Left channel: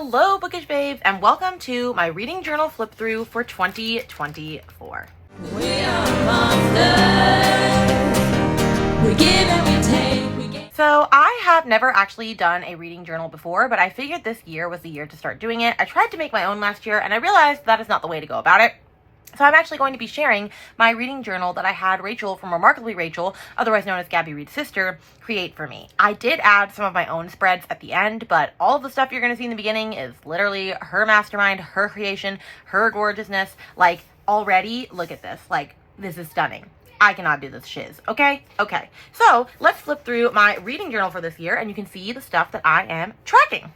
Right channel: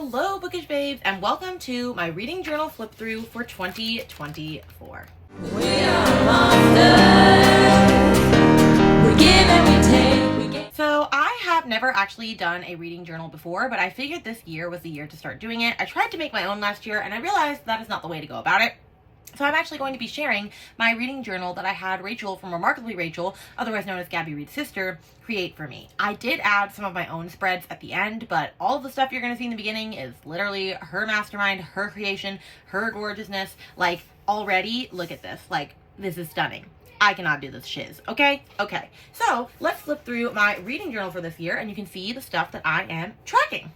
Hello, Bookish Babes, and welcome to my reading journal flip through for 2024. We are monsters. We give and we take. So I have never actually done a reading journal before, but I figured this year was the year to start doing it. I tried to make my own last year, and I realized that is not the way to go about it. So I'm actually going to be sharing my reading journal that I had Rachel from Remarkably Rachel, otherwise known as Gabby Reed's sister, create for me. I did add some of my own spreads at the end, but all of the stuff you're going to see in the beginning is literally her mastermind, her creation, her gorgeousness. Like, already, look at this. Like, this is stunning. I cannot do this shiz, okay? Okay. So, let's flip through my reading journal for this year, and you can see the stuff that I am tracking.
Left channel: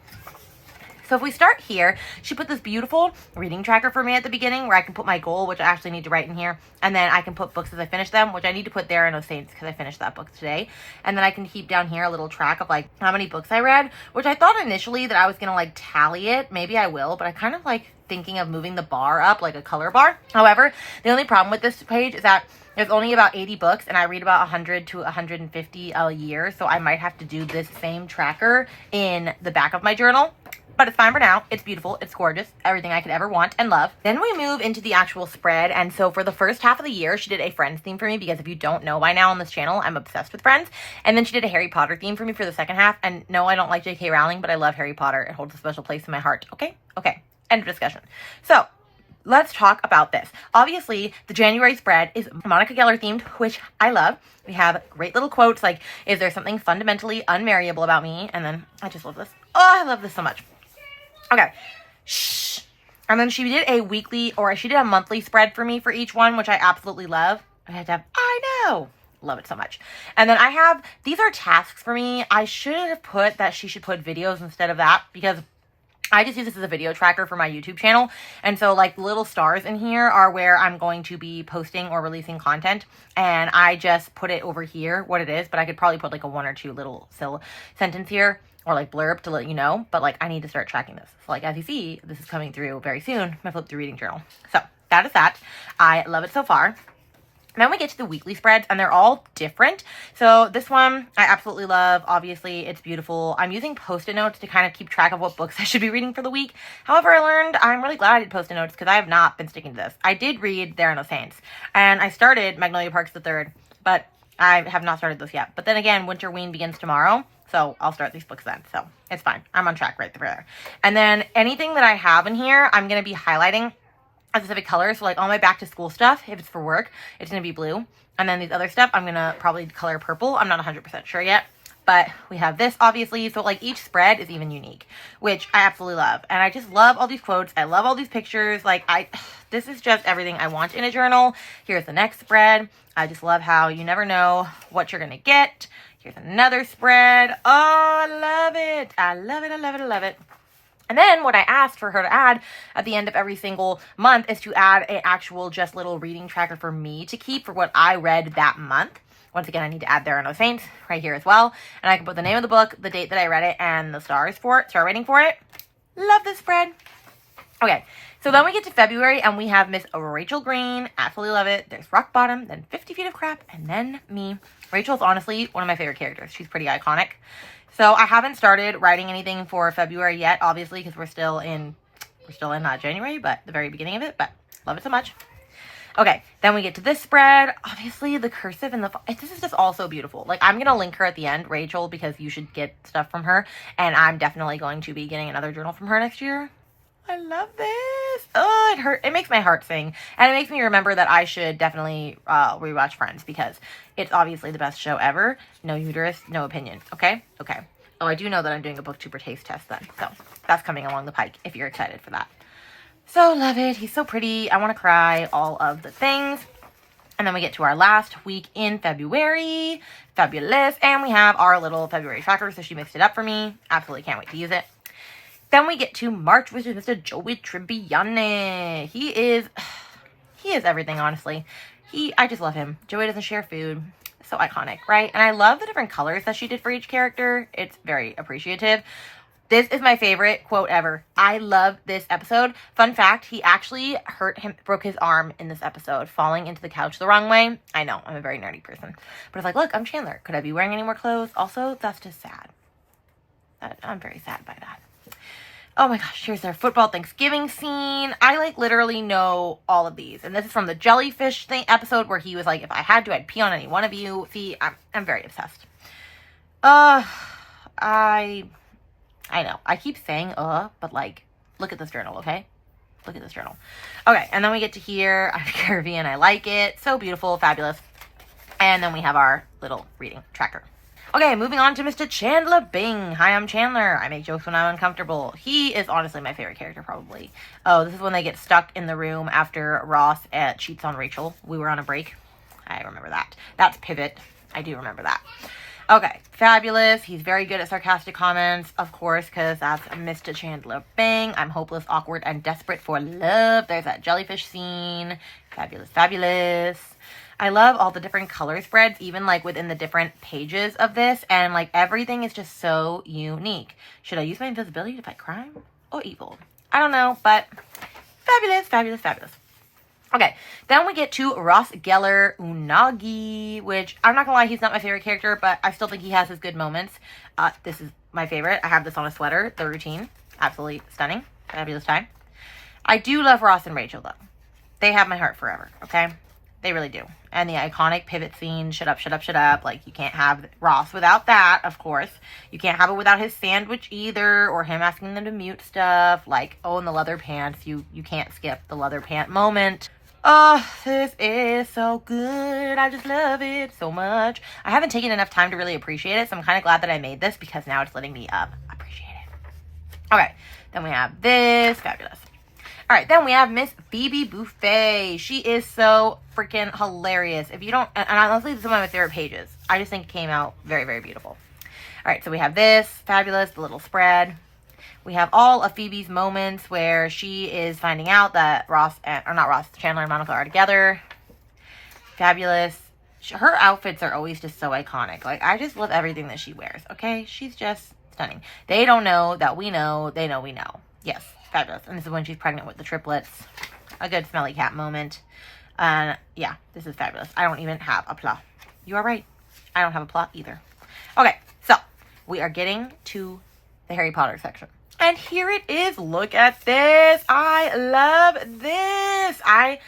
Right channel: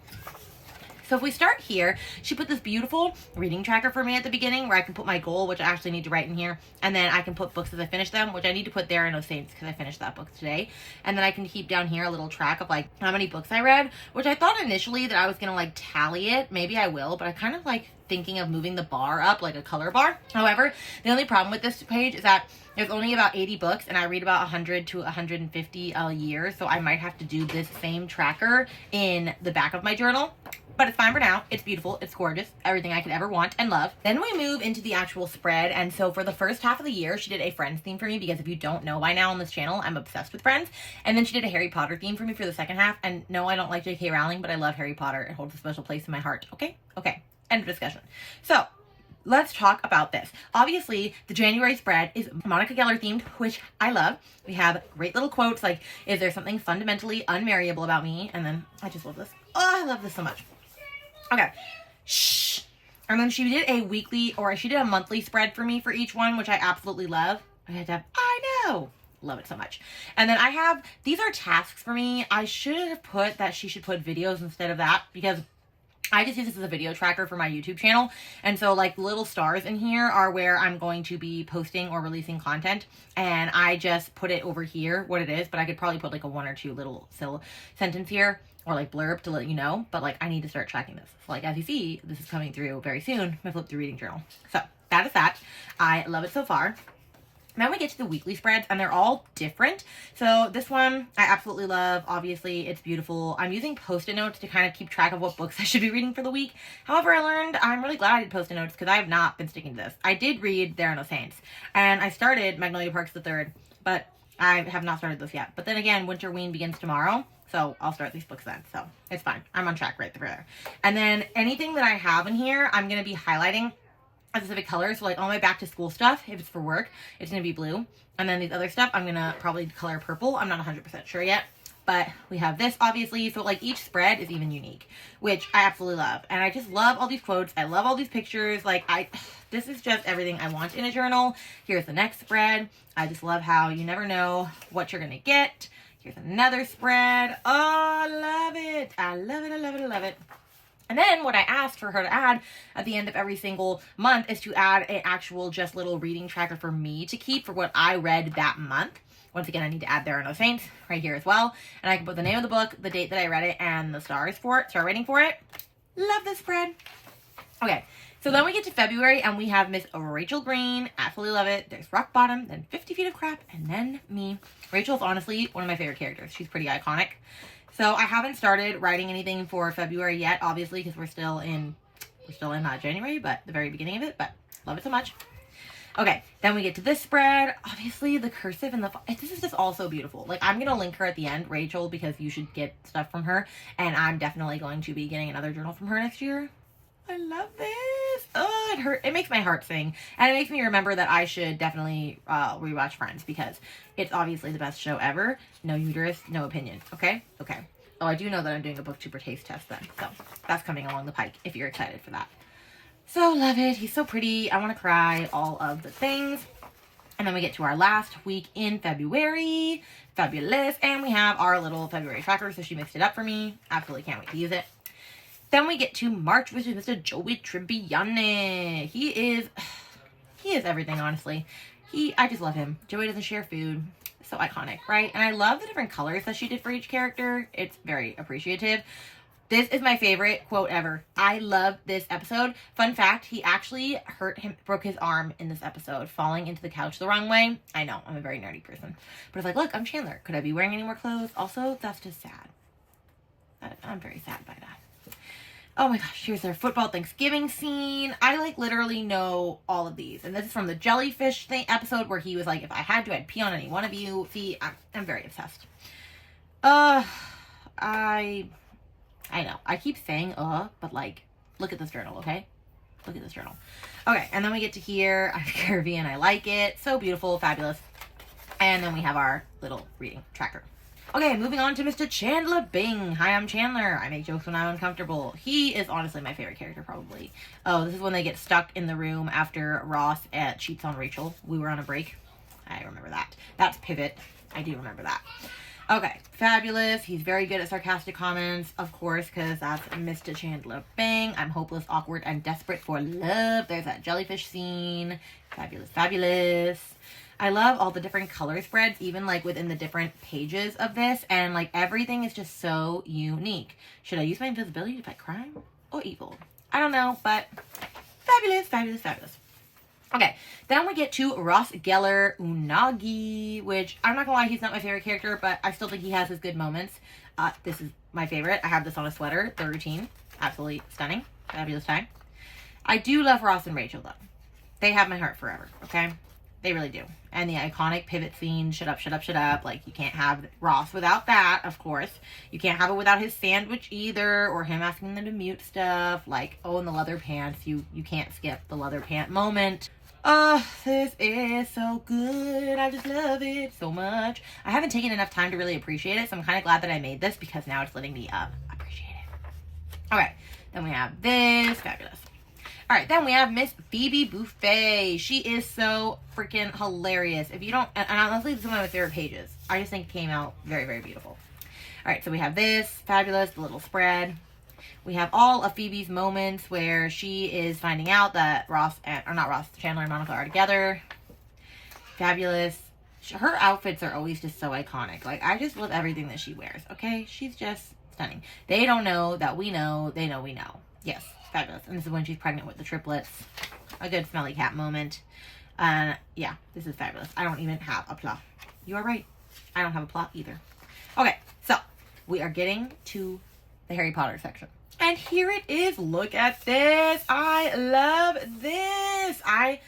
So if we start here, she put this beautiful reading tracker for me at the beginning where I can put my goal, which I actually need to write in here. And then I can put books as I finish them, which I need to put there in those saints because I finished that book today. And then I can keep down here a little track of like how many books I read, which I thought initially that I was going to like tally it. Maybe I will, but I kind of like thinking of moving the bar up like a color bar. However, the only problem with this page is that there's only about 80 books and I read about 100 to 150 a year. So I might have to do this same tracker in the back of my journal. But it's fine for now. It's beautiful. It's gorgeous. Everything I could ever want and love. Then we move into the actual spread. And so for the first half of the year, she did a Friends theme for me because if you don't know by now on this channel, I'm obsessed with Friends. And then she did a Harry Potter theme for me for the second half. And no, I don't like J.K. Rowling, but I love Harry Potter. It holds a special place in my heart. Okay? Okay. End of discussion. So let's talk about this. Obviously, the January spread is Monica Geller themed, which I love. We have great little quotes like, is there something fundamentally unmarriable about me? And then I just love this. Oh, I love this so much. Okay. Shh. And then she did a weekly, or she did a monthly spread for me for each one, which I absolutely love. I had to have, I know. Love it so much. And then I have, these are tasks for me. I should have put that she should put videos instead of that because I just use this as a video tracker for my YouTube channel. And so like little stars in here are where I'm going to be posting or releasing content. And I just put it over here, what it is, but I could probably put like a one or two little sentence here or like blurb to let you know. But like I need to start tracking this. So like as you see, this is coming through very soon, my flip through reading journal. So that is that. I love it so far. Then we get to the weekly spreads, and they're all different. So this one I absolutely love. Obviously, it's beautiful. I'm using Post-it notes to kind of keep track of what books I should be reading for the week. However, I learned I'm really glad I did Post-it notes because I have not been sticking to this. I did read There Are No Saints, and I started Magnolia Parks the Third, but I have not started this yet. But then again, Winter Ween begins tomorrow, so I'll start these books then. So it's fine. I'm on track right there. And then anything that I have in here, I'm going to be highlighting a specific color. So like all my back to school stuff, if it's for work, it's going to be blue. And then these other stuff, I'm going to probably color purple. I'm not 100% sure yet, but we have this obviously. So like each spread is even unique, which I absolutely love. And I just love all these quotes. I love all these pictures. Like this is just everything I want in a journal. Here's the next spread. I just love how you never know what you're going to get. Here's another spread. Oh, I love it. I love it. I love it. I love it. And then what I asked for her to add at the end of every single month is to add an actual just little reading tracker for me to keep for what I read that month. Once again, I need to add There Are No Saints right here as well. And I can put the name of the book, the date that I read it, and the stars for it, star rating for it. Love this spread. Okay, so then we get to February and we have Miss Rachel Green. Absolutely love it. There's Rock Bottom, then 50 Feet of Crap, and then me. Rachel's honestly one of my favorite characters. She's pretty iconic. So I haven't started writing anything for February yet, obviously, because we're still in not January, but the very beginning of it, but love it so much. Okay, then we get to this spread. Obviously, the cursive and this is just all so beautiful. Like, I'm going to link her at the end, Rachel, because you should get stuff from her, and I'm definitely going to be getting another journal from her next year. I love this. Oh, it makes my heart sing. And it makes me remember that I should definitely rewatch Friends because it's obviously the best show ever. No uterus, no opinion. Okay? Okay. Oh, I do know that I'm doing a booktuber taste test then. So that's coming along the pike if you're excited for that. So love it. He's so pretty. I want to cry. All of the things. And then we get to our last week in February. Fabulous. And we have our little February tracker. So she mixed it up for me. Absolutely can't wait to use it. Then we get to March, which is Mr. Joey Tribbiani. He is everything, honestly. I just love him. Joey doesn't share food. So iconic, right? And I love the different colors that she did for each character. It's very appreciative. This is my favorite quote ever. I love this episode. Fun fact, he actually broke his arm in this episode, falling into the couch the wrong way. I know, I'm a very nerdy person. But it's like, look, I'm Chandler. Could I be wearing any more clothes? Also, that's just sad. I'm very sad by that. Oh my gosh, here's their football Thanksgiving scene. I like literally know all of these. And this is from the jellyfish thing episode where he was like, if I had to, I'd pee on any one of you. See, I'm very obsessed. I know. I keep saying, but like, look at this journal, okay? Look at this journal. Okay, and then we get to here. I'm Caribbean. I like it. So beautiful, fabulous. And then we have our little reading tracker. Okay, moving on to Mr. Chandler Bing. Hi, I'm Chandler. I make jokes when I'm uncomfortable. He is honestly my favorite character, probably. Oh, this is when they get stuck in the room after Ross cheats on Rachel. We were on a break. I remember that. That's Pivot. I do remember that. Okay, fabulous. He's very good at sarcastic comments, of course, because that's Mr. Chandler Bing. I'm hopeless, awkward, and desperate for love. There's that jellyfish scene. Fabulous, fabulous. I love all the different color spreads, even like within the different pages of this, and like everything is just so unique. Should I use my invisibility to fight crime or evil? I don't know, but fabulous, fabulous, fabulous. Okay, then we get to Ross Geller Unagi, which I'm not gonna lie, he's not my favorite character, but I still think he has his good moments. This is my favorite. I have this on a sweater, the routine. Absolutely stunning. Fabulous time. I do love Ross and Rachel, though. They have my heart forever, okay? They really do. And the iconic pivot scene, shut up, shut up, shut up. Like, you can't have Ross without that, of course. You can't have it without his sandwich either, or him asking them to mute stuff. Like, oh, and the leather pants. You can't skip the leather pant moment. Oh, this is so good. I just love it so much. I haven't taken enough time to really appreciate it, so I'm kind of glad that I made this because now it's letting me appreciate it. Okay, then we have this. Fabulous. All right, then we have Miss Phoebe Buffet. She is so freaking hilarious. If you don't, and honestly, this is one of my favorite pages. I just think it came out very, very beautiful. All right, so we have this. Fabulous, the little spread. We have all of Phoebe's moments where she is finding out that Chandler and Monica are together. Fabulous. Her outfits are always just so iconic. Like, I just love everything that she wears, okay? She's just stunning. They don't know that we know. They know we know. Yes, fabulous. And this is when she's pregnant with the triplets. A good smelly cat moment. And yeah, this is fabulous. I don't even have a plot. You are right. I don't have a plot either. Okay, so we are getting to the Harry Potter section. And here it is. Look at this. I love this. I'm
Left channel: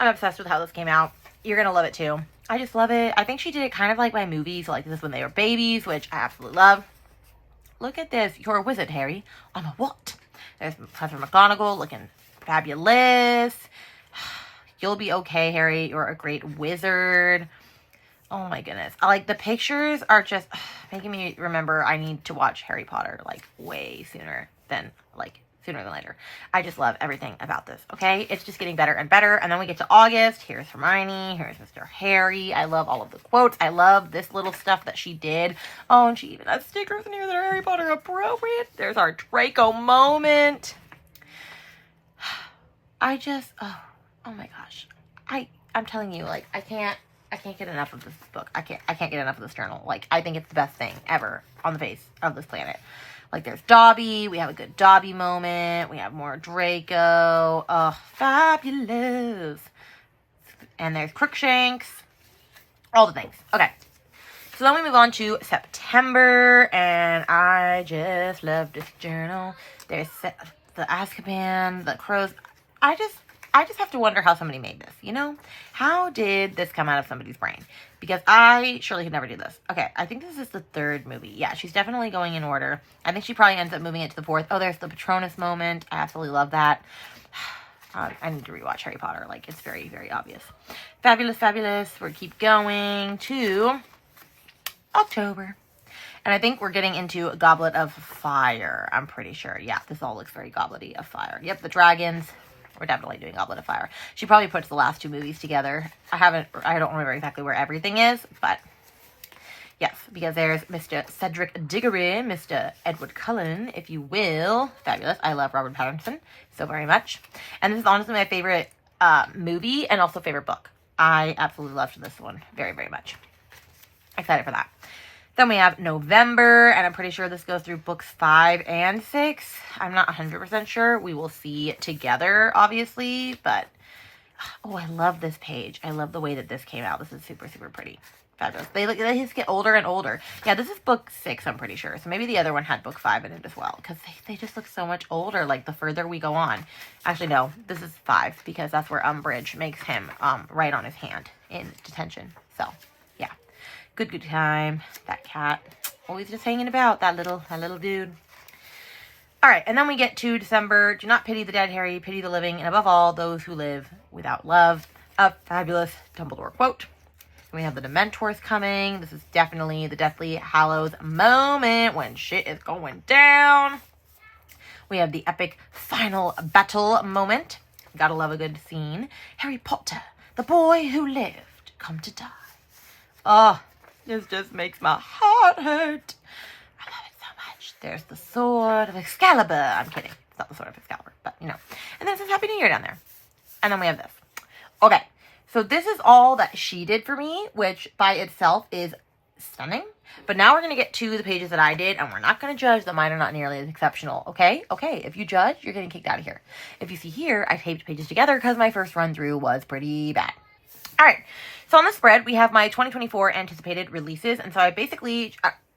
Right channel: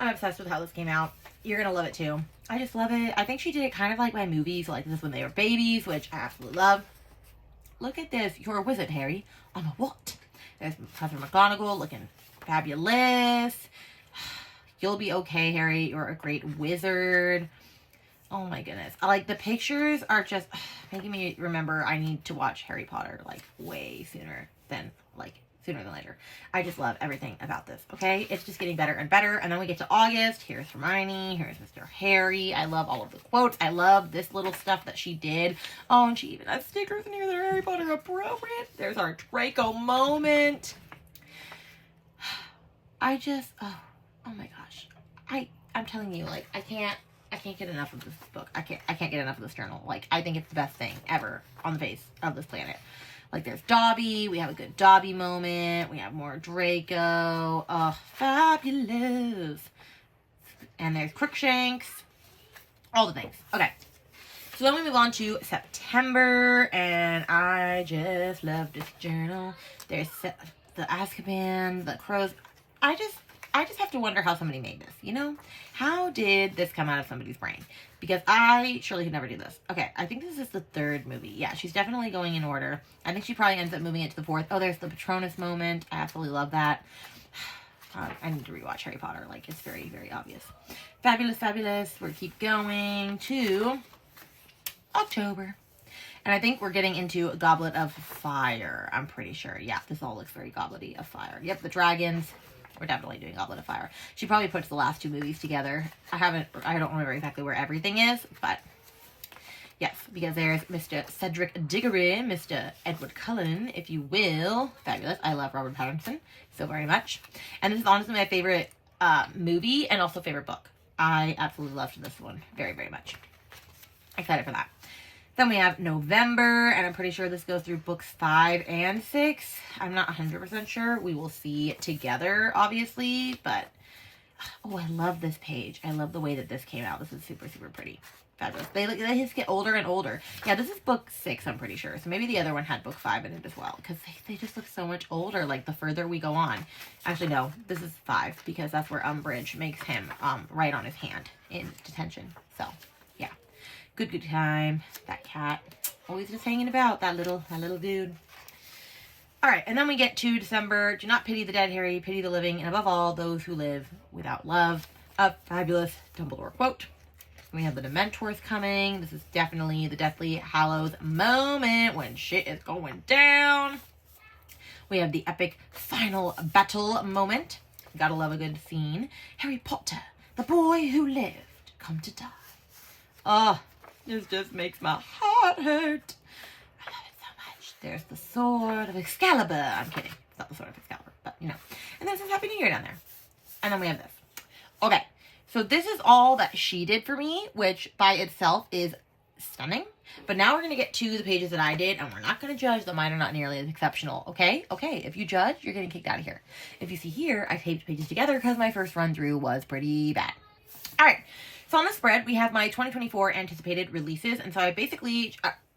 obsessed with how this came out. You're going to love it too. I just love it. I think she did it kind of like my movies. Like this when they were babies, which I absolutely love. Look at this. You're a wizard, Harry. I'm a what? There's Professor McGonagall looking fabulous. You'll be okay, Harry. You're a great wizard. Oh my goodness. Like the pictures are just making me remember I need to watch Harry Potter like way sooner than later. I just love everything about this. Okay. It's just getting better and better. And then we get to August. Here's Hermione. Here's Mr. Harry. I love all of the quotes. I love this little stuff that she did. Oh, and she even has stickers in here that are Harry Potter appropriate. There's our Draco moment. I just, oh my gosh. I'm telling you, like, I can't get enough of this book. I can't get enough of this journal. Like, I think it's the best thing ever on the face of this planet. Like, there's Dobby. We have a good Dobby moment. We have more Draco. Oh, fabulous. And there's Crookshanks. All the things. Okay. So then we move on to September. And I just love this journal. There's the Azkaban, the crows. I just have to wonder how somebody made this, you know? How did this come out of somebody's brain? Because I surely could never do this. Okay, I think this is the third movie. Yeah, she's definitely going in order. I think she probably ends up moving it to the fourth. Oh, there's the Patronus moment. I absolutely love that. I need to rewatch Harry Potter. Like, it's very, very obvious. Fabulous, fabulous. We'll keep going to October. And I think we're getting into Goblet of Fire. I'm pretty sure. Yeah, this all looks very Goblet of Fire. Yep, the dragons. We're definitely doing Goblet of Fire. She probably puts the last two movies together. I don't remember exactly where everything is, but yes, because there's Mr. Cedric Diggory, Mr. Edward Cullen, if you will. Fabulous. I love Robert Pattinson so very much. And this is honestly my favorite movie and also favorite book. I absolutely loved this one very, very much. Excited for that. Then we have November, and I'm pretty sure this goes through books 5 and 6. I'm not 100% sure. We will see together, obviously, but oh, I love this page. I love the way that this came out. This is super, super pretty. fabulous. They just get older and older. Yeah, this is book 6, I'm pretty sure. So maybe the other one had book 5 in it as well, because they just look so much older, like the further we go on. Actually, no, this is 5, because that's where Umbridge makes him write on his hand in detention. So, yeah. Good time. That cat. Always just hanging about, that little dude. Alright, and then we get to December. Do not pity the dead, Harry. Pity the living, and above all, those who live without love. A fabulous Dumbledore quote. We have the Dementors coming. This is definitely the Deathly Hallows moment when shit is going down. We have the epic final battle moment. Gotta love a good scene. Harry Potter, the boy who lived, come to die. Oh, this just makes my heart hurt. I love it so much. There's the sword of Excalibur. I'm kidding. It's not the sword of Excalibur, but you know. And then it says Happy New Year down there. And then we have this. Okay. So this is all that she did for me, which by itself is stunning. But now we're going to get to the pages that I did, and we're not going to judge that mine are not nearly as exceptional, okay? Okay, if you judge, you're getting kicked out of here. If you see here, I taped pages together because my first run-through was pretty bad. All right, so on the spread, we have my 2024 anticipated releases, and so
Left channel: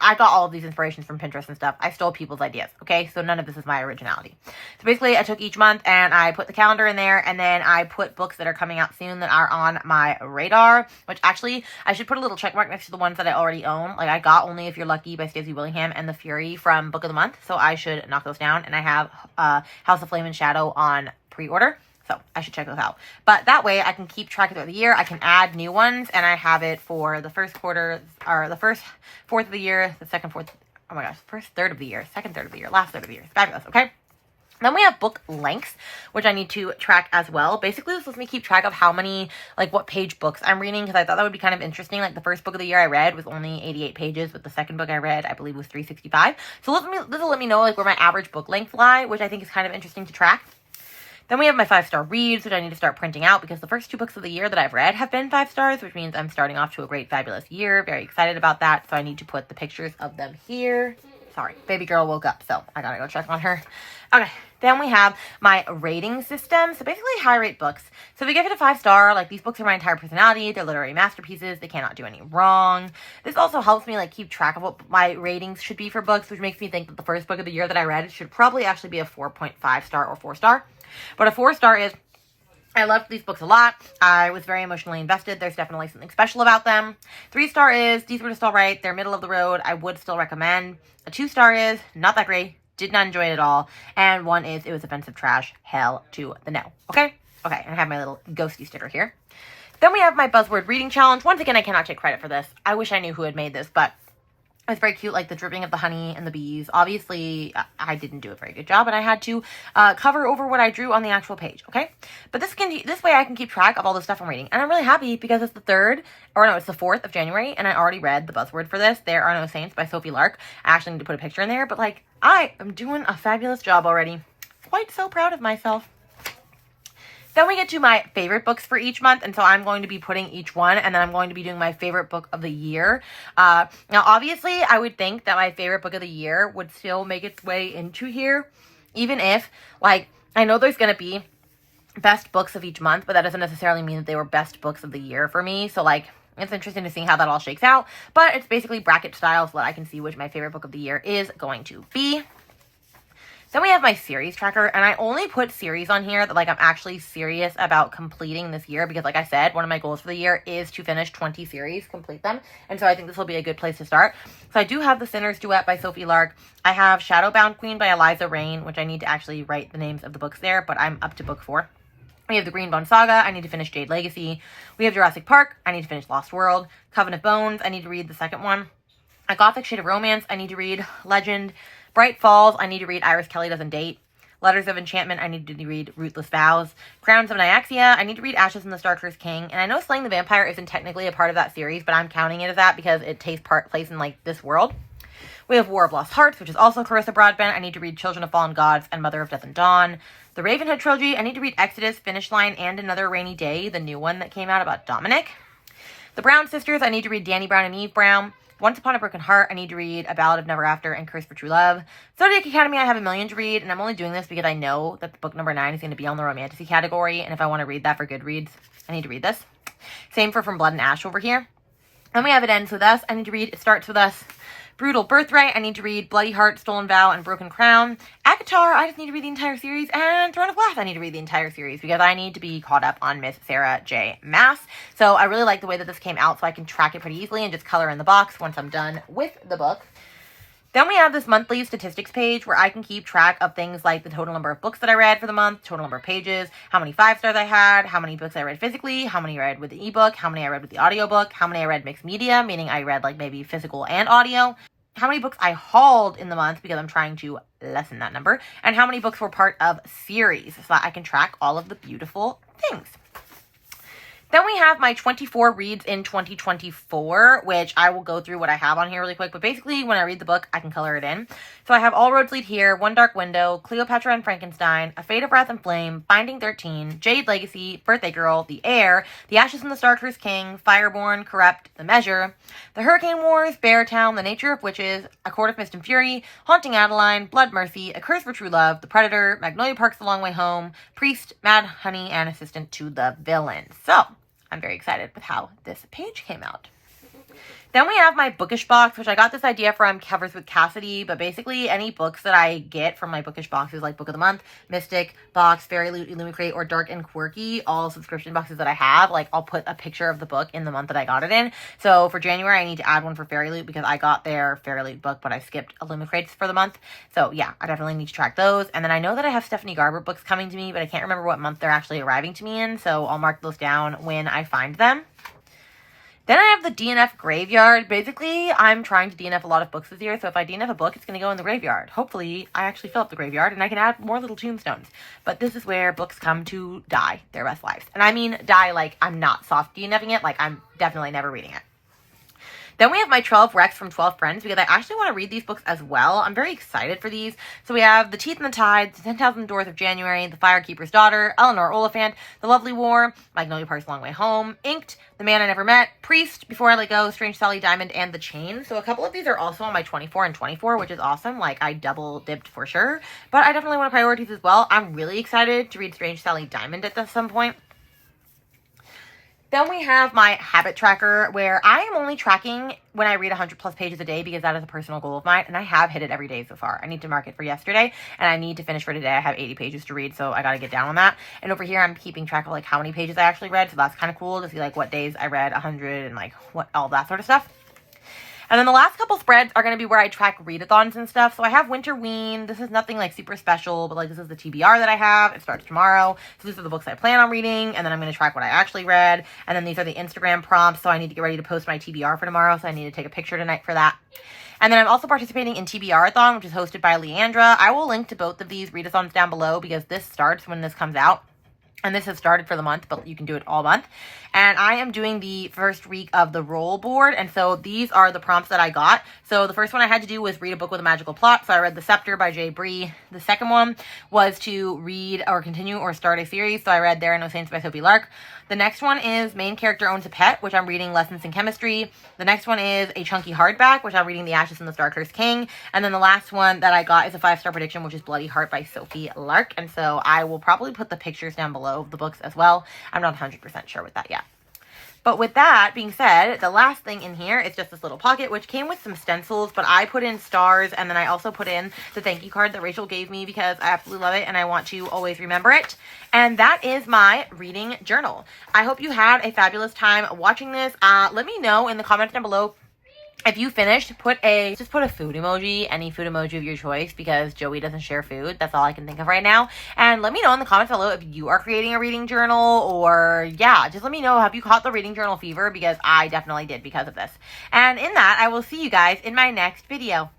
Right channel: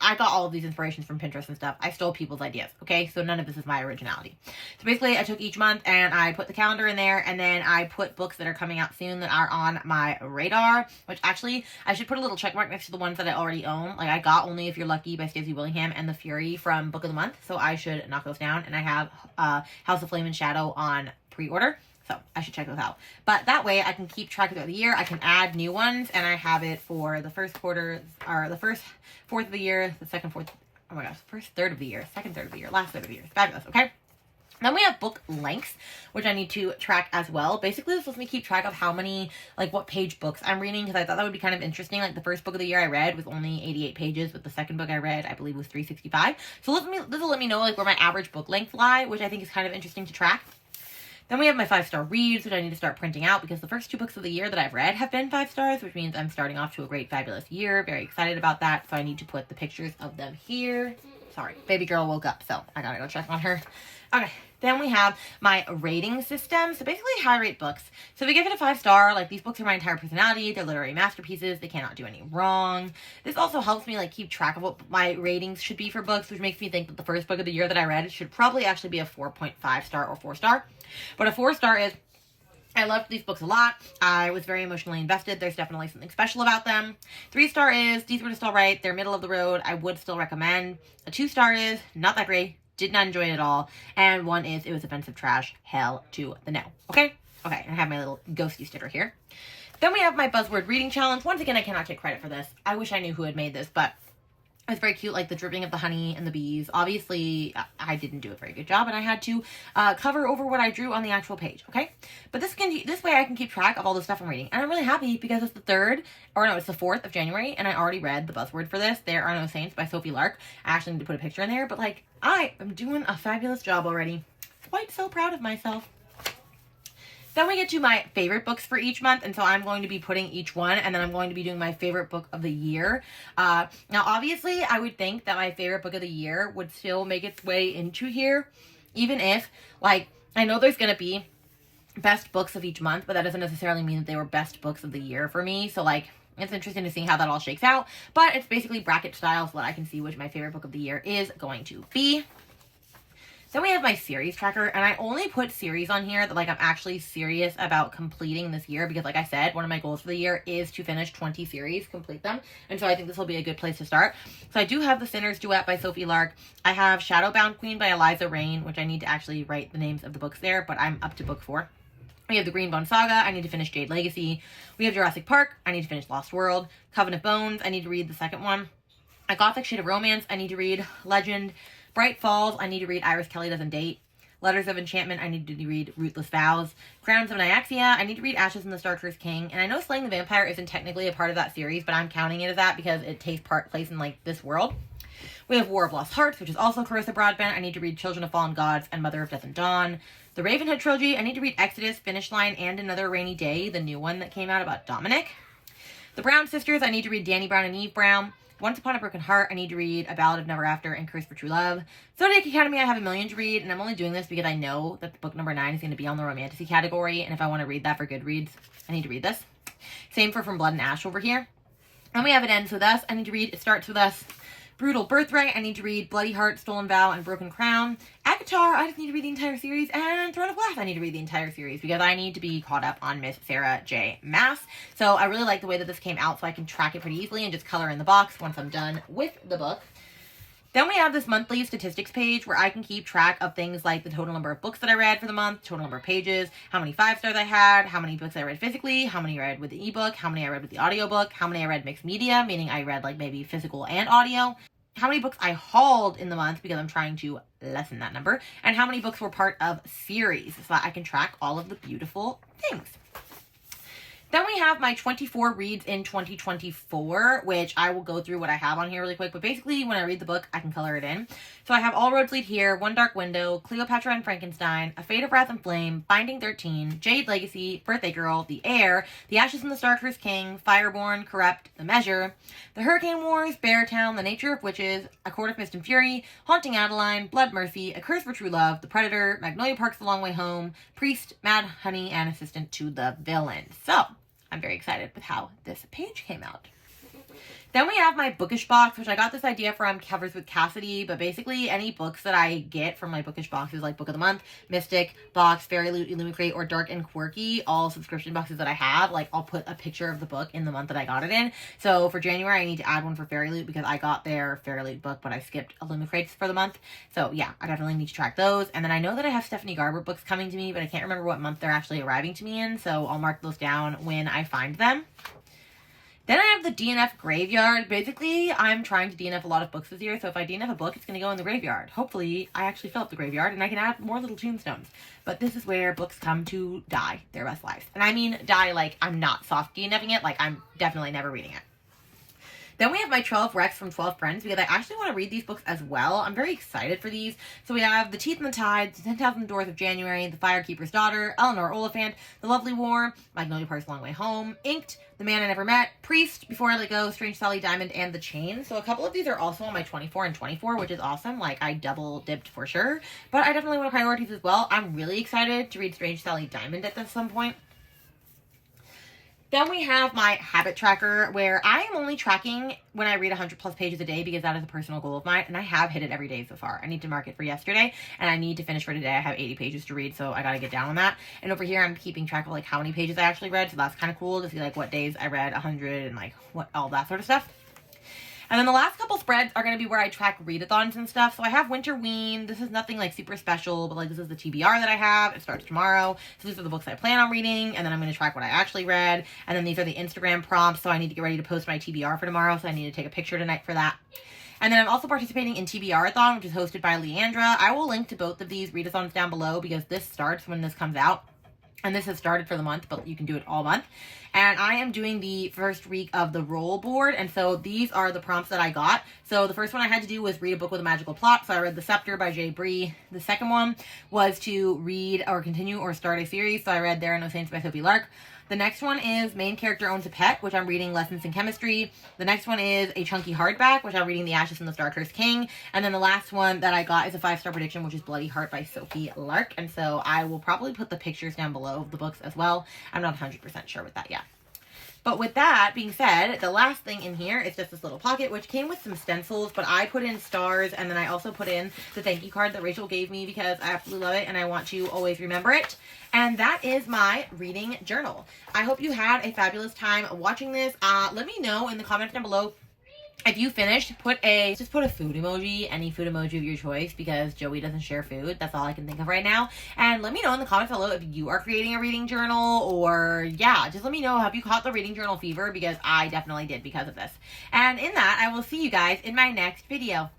I got all of these inspirations from Pinterest and stuff. I stole people's ideas, okay? So none of this is my originality. So basically, I took each month and I put the calendar in there, and then I put books that are coming out soon that are on my radar, which actually, I should put a little check mark next to the ones that I already own. Like, I got Only If You're Lucky by Stacey Willingham and The Fury from Book of the Month, so I should knock those down, and I have House of Flame and Shadow on pre-order. So I should check those out. But that way I can keep track throughout the year. I can add new ones, and I have it for the first quarter, or the first fourth of the year, the second fourth, oh my gosh, first third of the year, second third of the year, last third of the year. Fabulous, okay? Then we have book lengths, which I need to track as well. Basically, this lets me keep track of how many, like what page books I'm reading, because I thought that would be kind of interesting. Like the first book of the year I read was only 88 pages, but the second book I read, I believe, was 365. So this will let me know like where my average book length lie, which I think is kind of interesting to track. Then we have my 5-star reads, which I need to start printing out because the first 2 books of the year that I've read have been 5 stars, which means I'm starting off to a great, fabulous year. Very excited about that. So I need to put the pictures of them here. Sorry, baby girl woke up, so I gotta go check on her. Okay, then we have my rating system. So basically, how I rate books. So if you give it a 5-star, like these books are my entire personality. They're literary masterpieces. They cannot do any wrong. This also helps me like keep track of what my ratings should be for books, which makes me think that the first book of the year that I read should probably actually be a 4.5 star or 4-star. But a 4-star is, I loved these books a lot. I was very emotionally invested. There's definitely something special about them. 3-star is, these were just all right. They're middle of the road. I would still recommend. A 2-star is, not that great. Did not enjoy it at all. And 1 is, it was offensive trash. Hell to the no. Okay? Okay, and I have my little ghosty sticker here. Then we have my buzzword reading challenge. Once again, I cannot take credit for this. I wish I knew who had made this, but it was very cute, like the dripping of the honey and the bees. Obviously, I didn't do a very good job, and I had to cover over what I drew on the actual page, okay? But this way I can keep track of all the stuff I'm reading. And I'm really happy because it's the 4th of January, and I already read the buzzword for this, There Are No Saints by Sophie Lark. I actually need to put a picture in there, but like, I am doing a fabulous job already. Quite so proud of myself. Then we get to my favorite books for each month, and so I'm going to be putting each one, and then I'm going to be doing my favorite book of the year. Now, obviously, I would think that my favorite book of the year would still make its way into here, even if, like, I know there's going to be best books of each month, but that doesn't necessarily mean that they were best books of the year for me, so, like, it's interesting to see how that all shakes out, but it's basically bracket style so that I can see which my favorite book of the year is going to be. Then we have my series tracker, and I only put series on here that, like, I'm actually serious about completing this year because, like I said, one of my goals for the year is to finish 20 series, complete them, and so I think this will be a good place to start. So I do have The Sinner's Duet by Sophie Lark. I have Shadowbound Queen by Eliza Rain, which I need to actually write the names of the books there, but I'm up to book 4. We have The Greenbone Saga. I need to finish Jade Legacy. We have Jurassic Park. I need to finish Lost World. Coven of Bones. I need to read the second one. A Gothic Shade of Romance. I need to read Legend. Bright Falls, I need to read Iris Kelly Doesn't Date. Letters of Enchantment, I need to read Rootless Vows. Crowns of Nyaxia, I need to read Ashes in the Star-Cursed King. And I know Slaying the Vampire isn't technically a part of that series, but I'm counting it as that because it takes place in, like, this world. We have War of Lost Hearts, which is also Carissa Broadbent. I need to read Children of Fallen Gods and Mother of Death and Dawn. The Ravenhood Trilogy, I need to read Exodus, Finish Line, and Another Rainy Day, the new one that came out about Dominic. The Brown Sisters, I need to read Danny Brown and Eve Brown. Once Upon a Broken Heart, I need to read A Ballad of Never After and Curse for True Love. Zodiac Academy, I have a million to read, and I'm only doing this because I know that book number 9 is going to be on the romantasy category, and if I want to read that for Goodreads, I need to read this. Same for From Blood and Ash over here. Then we have It Ends With Us. I need to read It Starts With Us. Brutal Birthright. I need to read Bloody Heart, Stolen Vow, and Broken Crown. Avatar. I just need to read the entire series. And Throne of Glass. I need to read the entire series because I need to be caught up on Miss Sarah J. Maas. So I really like the way that this came out so I can track it pretty easily and just color in the box once I'm done with the book. Then we have this monthly statistics page where I can keep track of things like the total number of books that I read for the month, total number of pages, how many 5-stars I had, how many books I read physically, how many I read with the ebook, how many I read with the audiobook, how many I read mixed media, meaning I read like maybe physical and audio, how many books I hauled in the month because I'm trying to lessen that number, and how many books were part of series so that I can track all of the beautiful things. Then we have my 24 reads in 2024, which I will go through what I have on here really quick. But basically, when I read the book, I can color it in. So I have All Roads Lead Here, One Dark Window, Cleopatra and Frankenstein, A Fate of Wrath and Flame, Binding 13, Jade Legacy, Birthday Girl, The Heir, The Ashes and the Starcursed King, Fireborn, Corrupt, The Measure, The Hurricane Wars, Beartown, The Nature of Witches, A Court of Mist and Fury, Haunting Adeline, Blood Mercy, A Curse for True Love, The Predator, Magnolia Park's The Long Way Home, Priest, Mad Honey, and Assistant to the Villain. So I'm very excited with how this page came out. Then we have my Bookish box, which I got this idea from Covers with Cassidy, but basically any books that I get from my Bookish boxes, like Book of the Month, Mystic, Box, Fairy Loot, Illumicrate, or Dark and Quirky, all subscription boxes that I have, like I'll put a picture of the book in the month that I got it in. So for January, I need to add one for Fairy Loot because I got their Fairy Loot book, but I skipped Illumicrates for the month. So yeah, I definitely need to track those. And then I know that I have Stephanie Garber books coming to me, but I can't remember what month they're actually arriving to me in, so I'll mark those down when I find them. Then I have the DNF graveyard. Basically, I'm trying to DNF a lot of books this year, so if I DNF a book, it's going to go in the graveyard. Hopefully, I actually fill up the graveyard, and I can add more little tombstones. But this is where books come to die their best lives. And I mean die like I'm not soft DNFing it, like I'm definitely never reading it. Then we have my 12 Recs from 12 Friends because I actually want to read these books as well. I'm very excited for these. So we have The Teeth and the Tides, The 10,000 Doors of January, The Firekeeper's Daughter, Eleanor Oliphant, The Lovely War, Magnolia Park's Long Way Home, Inked, The Man I Never Met, Priest, Before I Let Go, Strange Sally Diamond, and The Chain. So a couple of these are also on my 24 and 24, which is awesome. Like, I double dipped for sure. But I definitely want to prioritize as well. I'm really excited to read Strange Sally Diamond at some point. Then we have my habit tracker where I am only tracking when I read 100 plus pages a day because that is a personal goal of mine and I have hit it every day so far. I need to mark it for yesterday and I need to finish for today. I have 80 pages to read, so I got to get down on that. And over here I'm keeping track of like how many pages I actually read, so that's kind of cool to see like what days I read 100 and like what all that sort of stuff. And then the last couple spreads are going to be where I track readathons and stuff. So I have Winterween. This is nothing like super special, but like this is the TBR that I have. It starts tomorrow. So these are the books I plan on reading. And then I'm going to track what I actually read. And then these are the Instagram prompts. So I need to get ready to post my TBR for tomorrow. So I need to take a picture tonight for that. And then I'm also participating in TBR-a-thon, which is hosted by Leandra. I will link to both of these readathons down below because this starts when this comes out. And this has started for the month, but you can do it all month. And I am doing the first week of the roll board. And so these are the prompts that I got. So the first one I had to do was read a book with a magical plot. So I read The Scepter by J. Bree. The second one was to read or continue or start a series. So I read There Are No Saints by Sophie Lark. The next one is Main Character Owns a Pet, which I'm reading Lessons in Chemistry. The next one is a chunky hardback, which I'm reading The Ashes and the Starcursed King. And then the last one that I got is a 5-star prediction, which is Bloody Heart by Sophie Lark. And so I will probably put the pictures down below of the books as well. I'm not 100% sure with that yet. But with that being said, the last thing in here is just this little pocket, which came with some stencils, but I put in stars, and then I also put in the thank you card that Rachel gave me because I absolutely love it, and I want to always remember it. And that is my reading journal. I hope you had a fabulous time watching this. Let me know in the comments down below. If you finished, just put a food emoji, any food emoji of your choice, because Joey doesn't share food. That's all I can think of right now. And let me know in the comments below if you are creating a reading journal, or yeah, just let me know, have you caught the reading journal fever? Because I definitely did because of this. And in that, I will see you guys in my next video.